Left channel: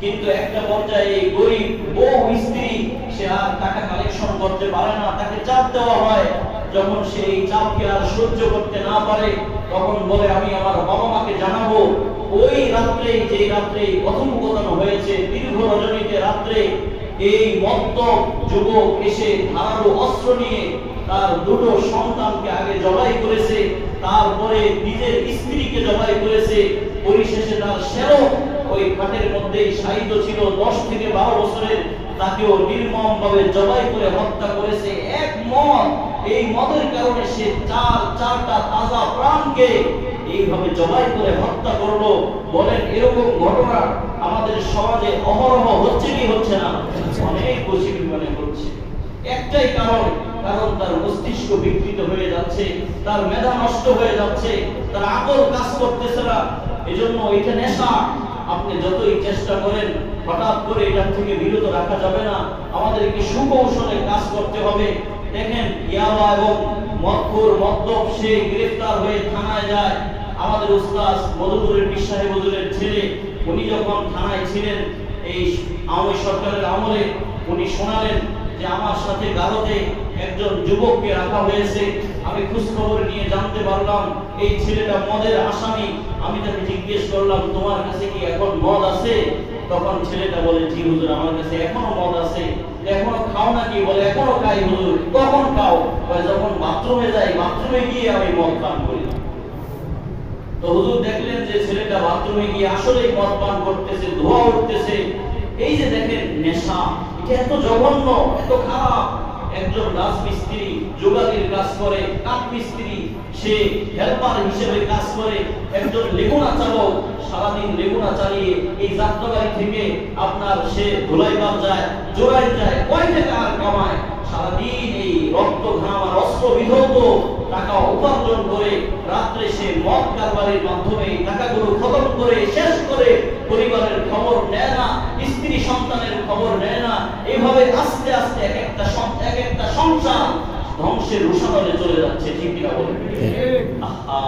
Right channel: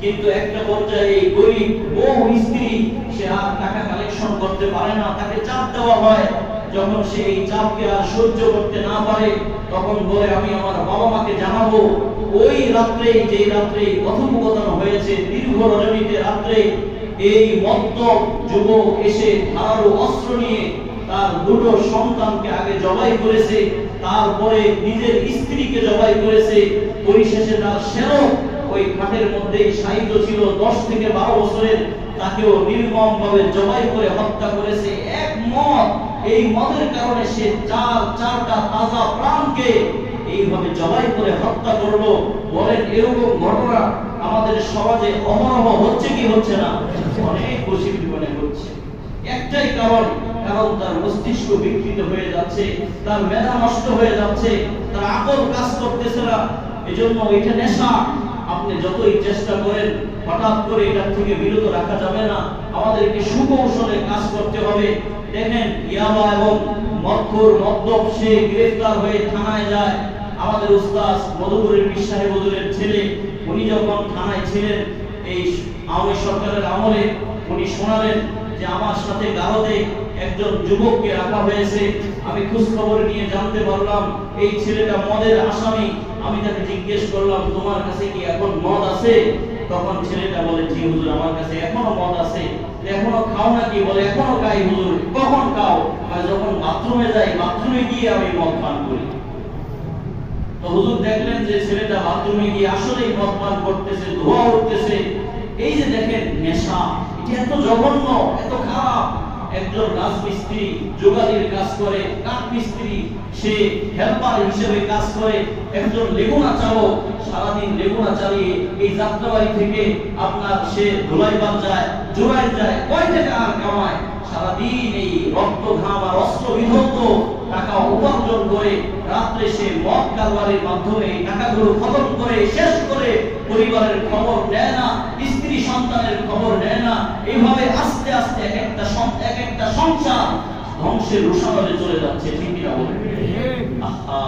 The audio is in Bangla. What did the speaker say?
কিন্তু একটা পর্যায়ে এই গরিব বউ স্ত্রী সে আর টাকা কালেকশন করতে পারে না, তাকে চাপ দেওয়া হয়। যখন সে এই চাপকে আর সহ্য করতে না পারে তখন বলে আমি আমার বাবা মাকে জানাবো। ওই রাত্রে, যে রাত্রে কথোপকথন হয়েছে দীর্ঘ রজনীতে রাত্রে, এই মত্ত যুবক এসে ধারালো অস্ত্র নিয়ে তার দুটো সন্তানকে আগে জবাই করেছে, তারপরে নিজের স্ত্রীকে জবাই করেছে, পরিশেষে তার শেরক ওই খাটের মধ্যেই শায়িত ছিল 10 থেকে 12 বছরের, তাকেও নির্মম ভাবে জবাই করে হত্যা করেছে। এক মদ, এই মদের কারণে সে চারটা তাজা প্রাণকে এইভাবে জবাই করে হত্যা করলো। বলেন এরকম ঘটনা আমাদের সমাজে অহরহ হচ্ছে কি হচ্ছে না? অনেক বেশি পরিমাণে হচ্ছে। একটাই কারণ তার মস্তিষ্ক বিকৃত হয়ে যাচ্ছে, তার মেধা নষ্ট হয়ে যাচ্ছে, তার আকল কাজ করতেছে না। এজন্য এটা নেশা। আপনি যতই চেষ্টা করেন হঠাৎ করে এটা থেকে বিরত রাখা যাবে না, আমাদেরকে সুকৌশলে কাজ করতে হবে। দেখেন ইয়াবা এবং মদ্যপ সে গ্রেফতার হয়ে থানায় যায়। আমাদের উস্তাদ মধুপুরের বিশ্বাহী মধুরের ছেলে, উনি যখন থানায় ছিলেন এই আওয়ামী সরকারের আমলে, উনি শোনালেন যে আমার সাথে গারদে একজন যুবককে রাখা হয়েছে। আমি খোঁজ খবর নিয়ে জানতে পারলাম এই ছেলেটা মদের আসামি। আমি তাকে জিজ্ঞেস করলাম তোমার কাছে কি এখন মদ আছে? তখন ছেলেটা বলে জি হুজুর, আমার কাছে এখনো মদ আছে। এখনো খাও নাকি? বলে এখনো খাই হুজুর। কখন খাও? বলে যখন বাথরুমে যাই, বাথরুমে গিয়ে আমি মদ পান করি। তো হুজুর দেখলেন যে ছেলেটা বাথরুমে গিয়ে আসলেই মদ পান করতেছে, ধোঁয়া উঠতেছে। এই যে দেখেন নেশা, এটা এত জঘন্য, এত খারাপ। একজন রাজমিস্ত্রি যোগালির কাজ করে, কাঠ মিস্ত্রি সে হেল্পার হিসেবে কাজ করে, একজন লেগুনা চালক সারাদিন লেগুনা চালিয়ে এই যাত্রাবাড়ি থেকে আপনার সে ধুলাইবার যায়, জোড়ায় যায়, কয় টাকা আর কামায়। সারাদিন এই রক্ত ঘাম আর অস্ত্র বিধৌত টাকা উপার্জন করে রাত্রে সে মদ কারবারের মাধ্যমে টাকাগুলো খতম করে শেষ করে পরিবারের খবর নেয় না, স্ত্রী সন্তানের খবর নেয় না। এইভাবে আস্তে আস্তে এক একটা সংসার ধ্বংসের রোষানলে চলে যাচ্ছে। ঠিক কিনা বলেন? আহা